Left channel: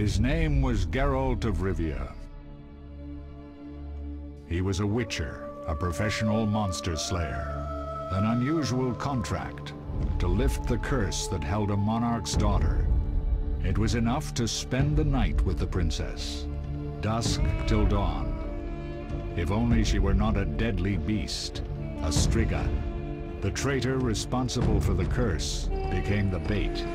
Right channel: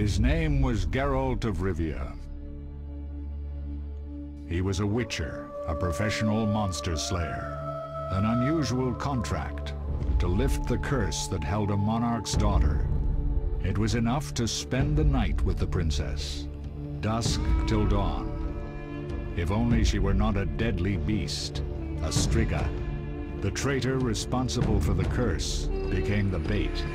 His name was Geralt of Rivia. He was a witcher, a professional monster slayer. An unusual contract to lift the curse that held a monarch's daughter. It was enough to spend the night with the princess, dusk till dawn. If only she were not a deadly beast, a striga. The traitor responsible for the curse became the bait.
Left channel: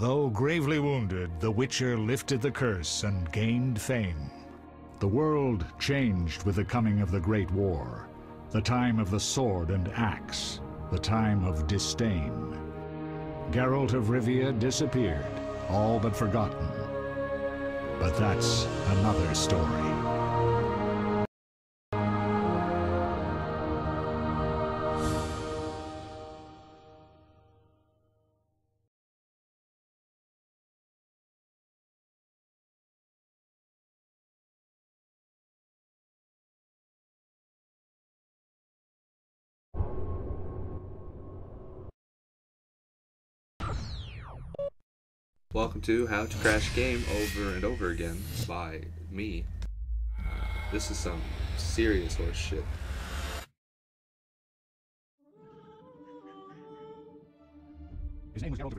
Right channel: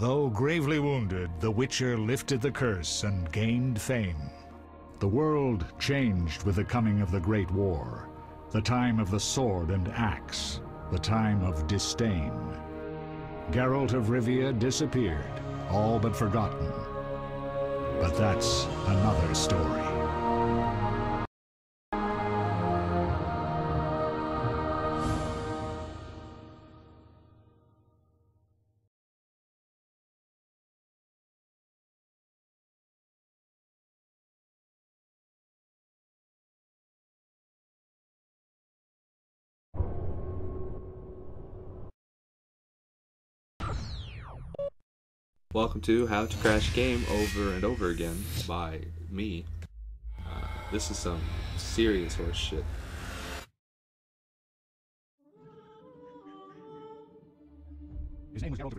Though gravely wounded, the Witcher lifted the curse and gained fame. The world changed with the coming of the Great War, the time of the sword and axe, the time of disdain. Geralt of Rivia disappeared, all but forgotten. But that's another story. Welcome to How to Crash a Game Over and Over Again by me. This is some serious horse shit. His name was Geralt of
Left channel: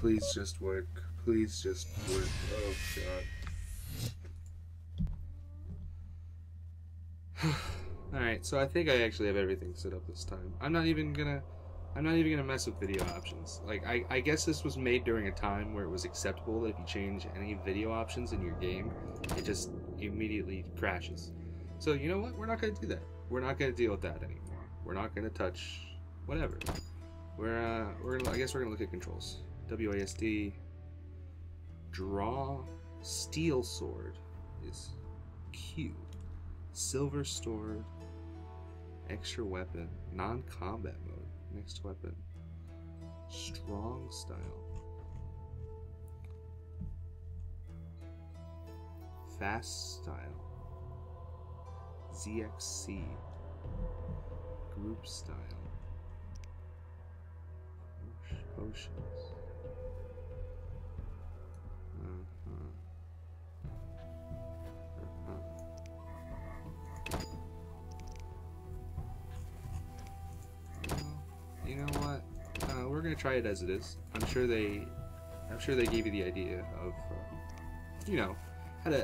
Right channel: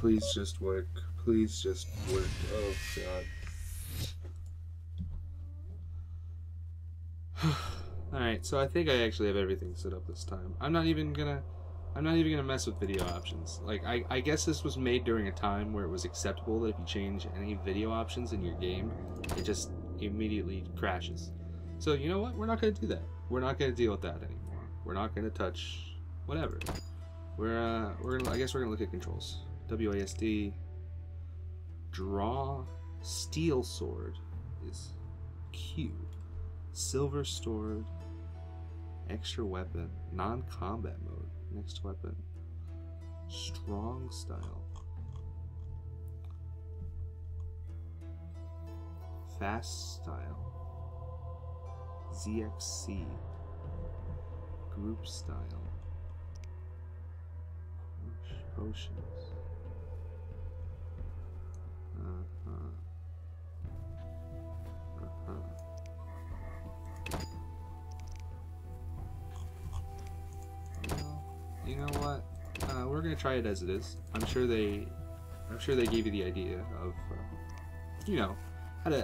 Please just work. Please just work. Oh god. Alright, so I think I actually have everything set up this time. I'm not even gonna mess with video options. Like, I guess this was made during a time where it was acceptable that if you change any video options in your game, it just immediately crashes. So you know what? We're not gonna do that. We're not gonna deal with that anymore. We're not gonna touch whatever. I guess we're gonna look at controls. WASD. Draw. Steel sword is Q. Silver sword. Extra weapon. Non-combat mode. Next weapon. Strong style. Fast style. ZXC. Group style. Potions. You know what? We're gonna try it as it is. I'm sure they gave you the idea of, you know,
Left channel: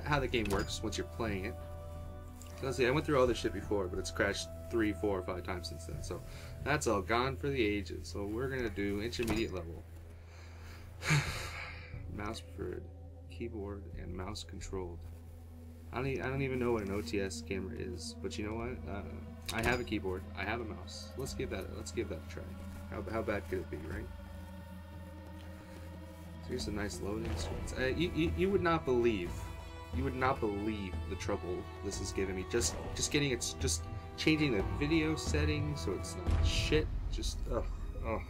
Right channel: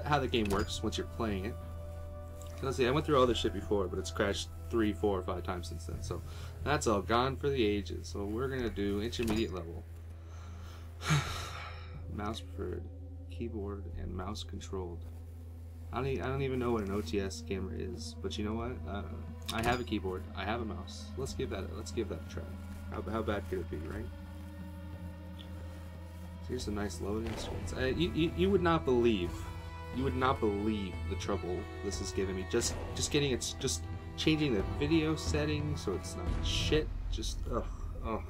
how the game works once you're playing it. Let's see. I went through all this shit before, but it's crashed 3, 4, or 5 times since then. So that's all gone for the ages. So we're gonna do intermediate level. Mouse preferred, keyboard, and mouse controlled. I don't even know what an OTS camera is, but you know what? I have a keyboard. I have a mouse. Let's give that a try. How bad could it be, right? So here's some nice loading screens. You would not believe the trouble this is giving me. Just changing the video settings so it's not shit. Just ugh.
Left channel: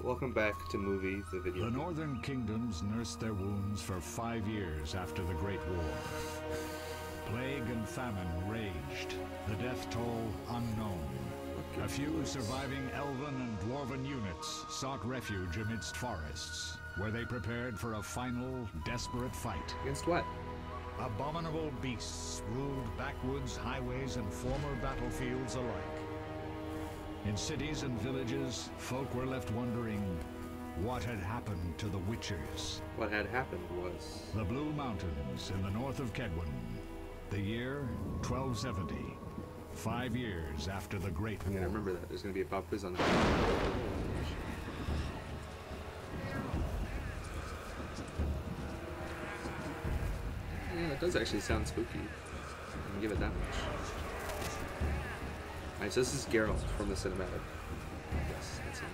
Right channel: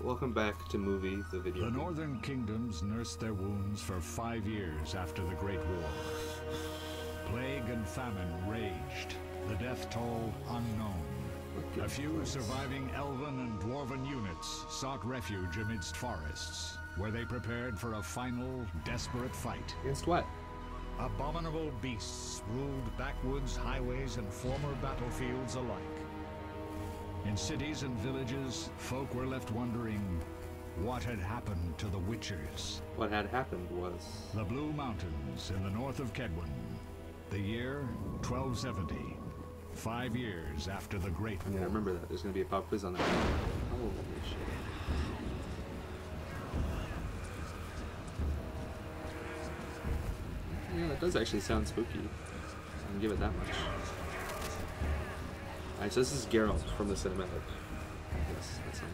Welcome back to Movie, the video. The Northern Kingdoms nursed their wounds for 5 years after the Great War. Plague and famine raged, the death toll unknown. A few surviving elven and dwarven units sought refuge amidst forests, where they prepared for a final, desperate fight. Against what? Abominable beasts ruled backwoods, highways, and former battlefields alike. In cities and villages, folk were left wondering what had happened to the Witchers. What had happened was... The Blue Mountains in the north of Kedwin. The year 1270. 5 years after the Great War. Yeah, remember that. There's going to be a pop quiz on that. Holy shit. Yeah, that does actually sound spooky. I can give it that much. Alright, so this is Geralt from the cinematic. Yes, that's him.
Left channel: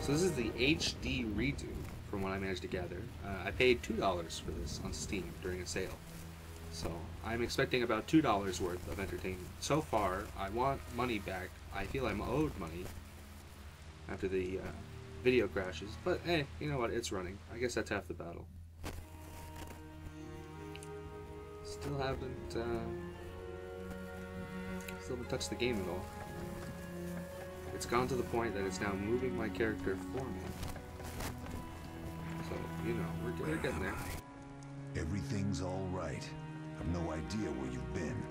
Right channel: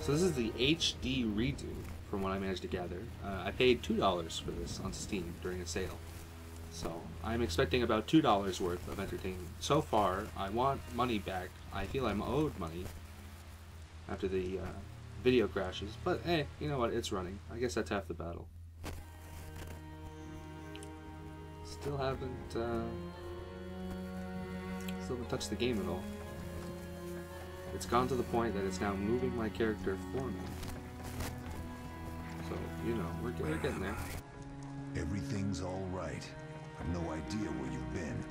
So this is the HD redo, from what I managed to gather. I paid $2 for this on Steam during a sale. So I'm expecting about $2 worth of entertainment. So far, I want money back. I feel I'm owed money after the video crashes. But hey, you know what? It's running. I guess that's half the battle. Still haven't touched the game at all. It's gone to the point that it's now moving my character for me. So, you know, we're getting there. Everything's all right. I've no idea where you've been.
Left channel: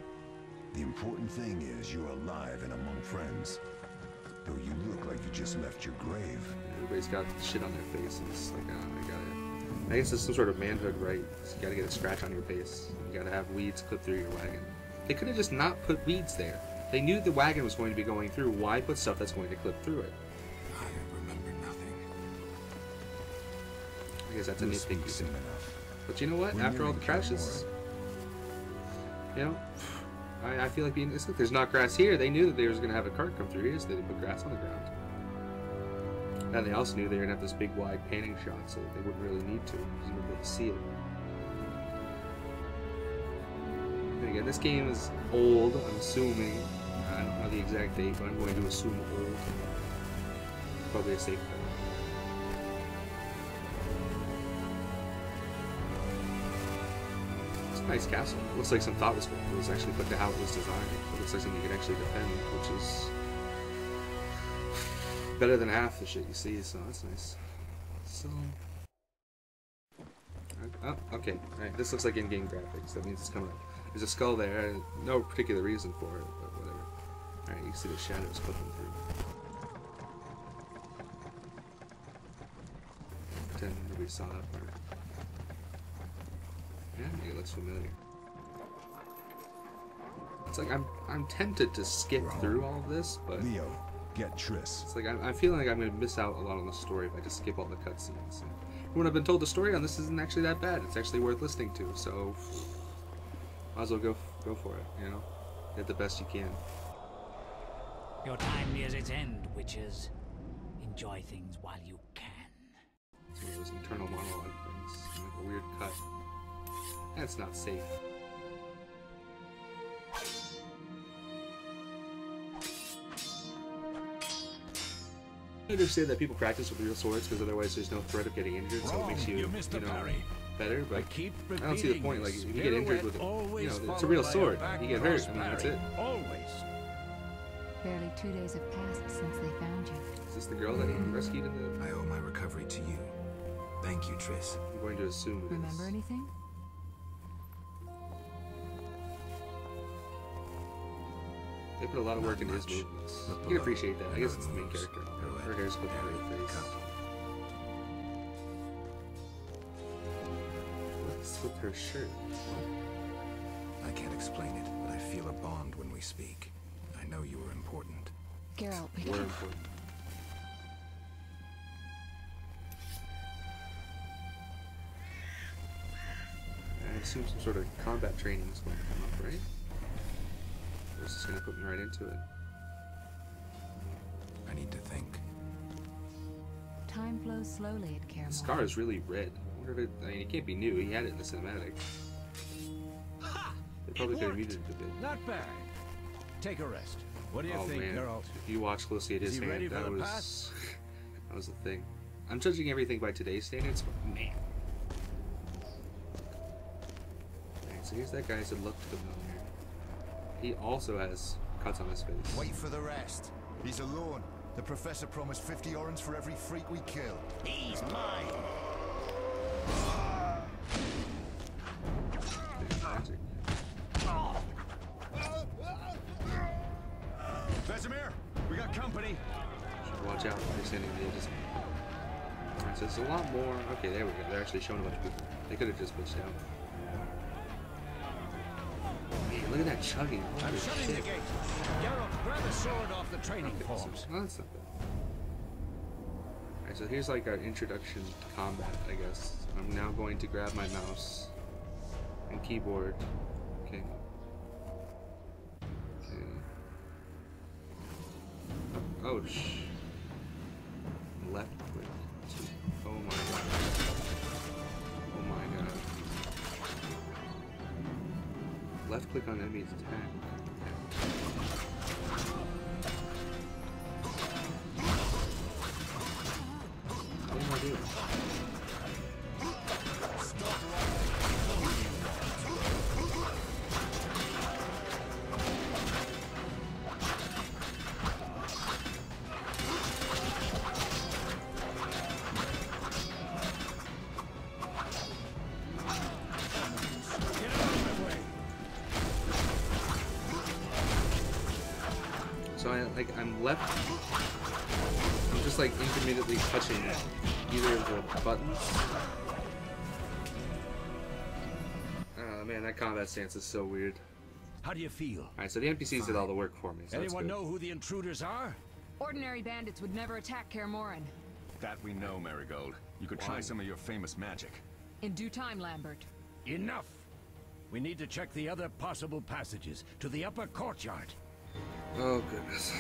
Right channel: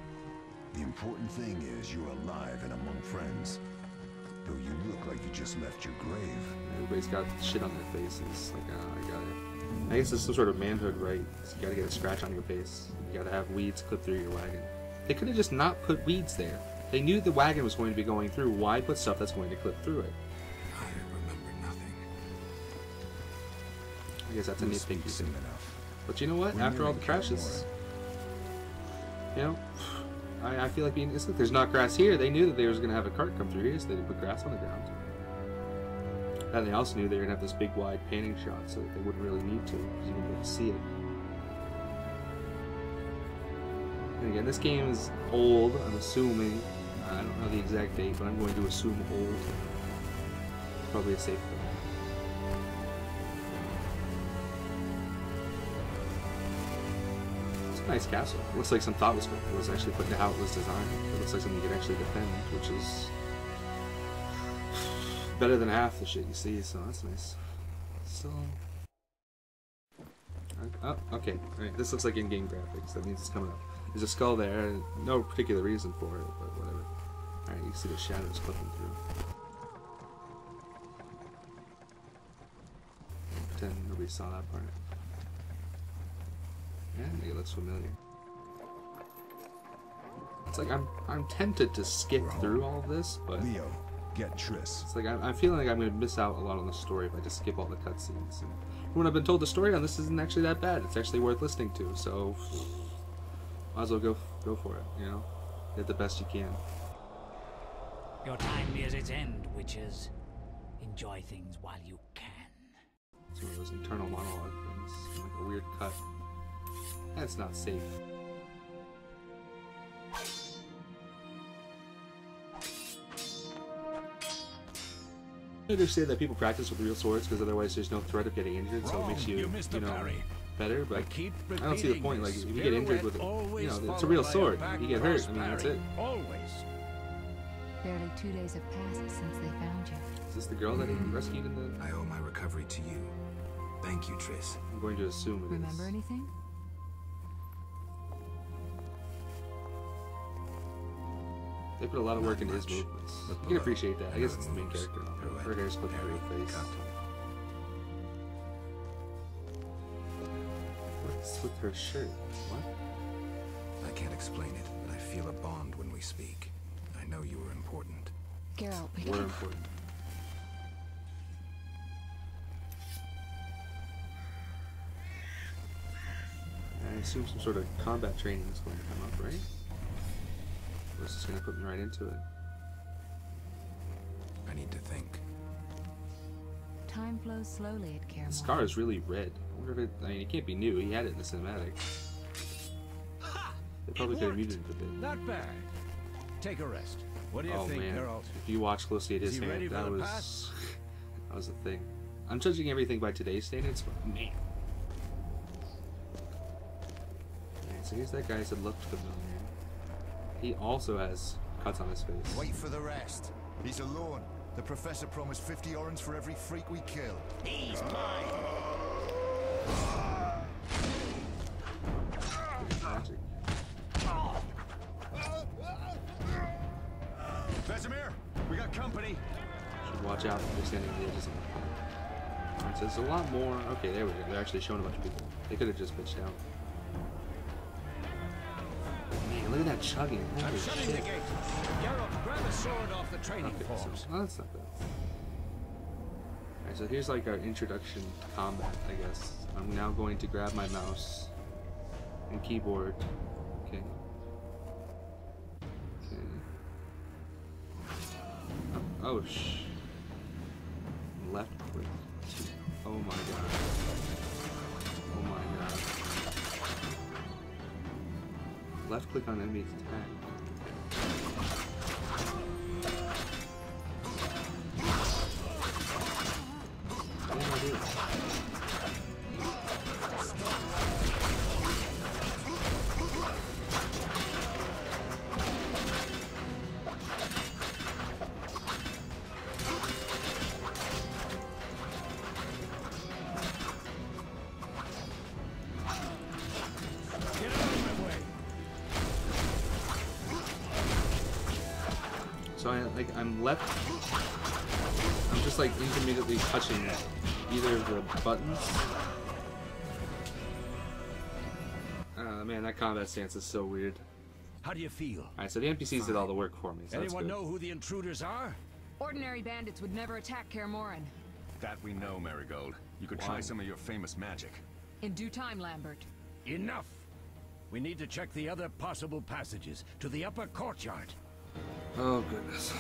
The important thing is you're alive and among friends. Though you look like you just left your grave. Everybody's got shit on their faces. Like, I got it. I guess it's some sort of manhood, right? So you gotta get a scratch on your face. You gotta have weeds clip through your wagon. They could have just not put weeds there. They knew the wagon was going to be going through. Why put stuff that's going to clip through it? I remember nothing. I guess that's a nitpicky soon thing. enough. But you know what? After all the crashes, you know, I feel like being. It's like there's not grass here. They knew that they was going to have a cart come through here, so they didn't put grass on the ground. And they also knew they were going to have this big, wide panning shot, so that they wouldn't really need to, because you wouldn't be able to see it. And again, this game is old, I'm assuming. I don't know the exact date, but I'm going to assume old. Probably a safe thing. It's a nice castle. It looks like some thought was actually put into how it was designed. It looks like something you could actually defend, which is better than half the shit you see, so that's nice. So... oh, okay. Alright, this looks like in-game graphics. That means it's coming up. There's a skull there. No particular reason for it, but whatever. Alright, you can see the shadows clipping through. Pretend nobody saw that part. Yeah, it looks familiar. It's like I'm tempted to skip through all of this, but Leo, get Triss. it's like I'm feeling like I'm going to miss out a lot on the story if I just skip all the cutscenes. And when I've been told the story on this isn't actually that bad, it's actually worth listening to. So might as well go for it, you know? Get the best you can. Your time nears its end, witches. Enjoy things while you can. It's one of those internal monologue things, like a weird cut. That's not safe. I understand that people practice with real swords because otherwise there's no threat of getting injured, so it makes you know, better, but I don't see the point. Like, if you get injured with it, you know, it's a real sword. You get hurt, I mean, that's it. Always. Barely 2 days have passed since they found you. Is this the girl that he rescued in the... I owe my recovery to you. Thank you, Triss. I'm going to assume it is. Remember anything? They put a lot of work into his movements. You can appreciate that. I guess it's the main character. Her hair's put through her face. What's with her shirt? What? I can't explain it, but I feel a bond when we speak. I know you were important. Geralt, We're important. I assume some sort of combat training is going to come up, right? Or is this going to put me right into it? I need to think. time flows slowly at Caramel. The scar is really red. I wonder if it... I mean, it can't be new. He had it in the cinematic. They probably could have muted it a bit. Not bad. Take a rest. What do you Oh think, man, Geralt? if you watch closely at his Is he ready hand, for that the was... pass? That was the thing. I'm judging everything by today's standards, but man. Alright, so here's that guy that looked familiar. He also has cuts on his face. Wait for the rest. He's alone. The professor promised 50 orange for every freak we kill. He's mine! Magic. Vesemir, we got company. Should watch out if they're standing on the edges of the Alright, so there's a lot more. Okay, there we go. They're actually showing a bunch of people. They could have just bitched out. Man, look at that chugging. Holy I'm shutting shit. the gate. Geralt, grab a sword off the training Okay, forms. so, that's not bad. Alright, so here's like our introduction to combat, I guess. I'm now going to grab my mouse and keyboard. Okay. Okay. Oh, left click. Oh my god. Oh my god. Left click on enemy's attack. What am I doing? Get out of my way. So I'm left. I'm just like intermittently touching either of the buttons. Man, that combat stance is so weird. How do you feel? Alright, so the NPCs did all the work for me. So Anyone that's good. know who the intruders are? Ordinary bandits would never attack Kaer Morhen. That we know, Marigold. You could try some of your famous magic. In due time, Lambert. Enough! We need to check the other possible passages to the upper courtyard. Oh goodness.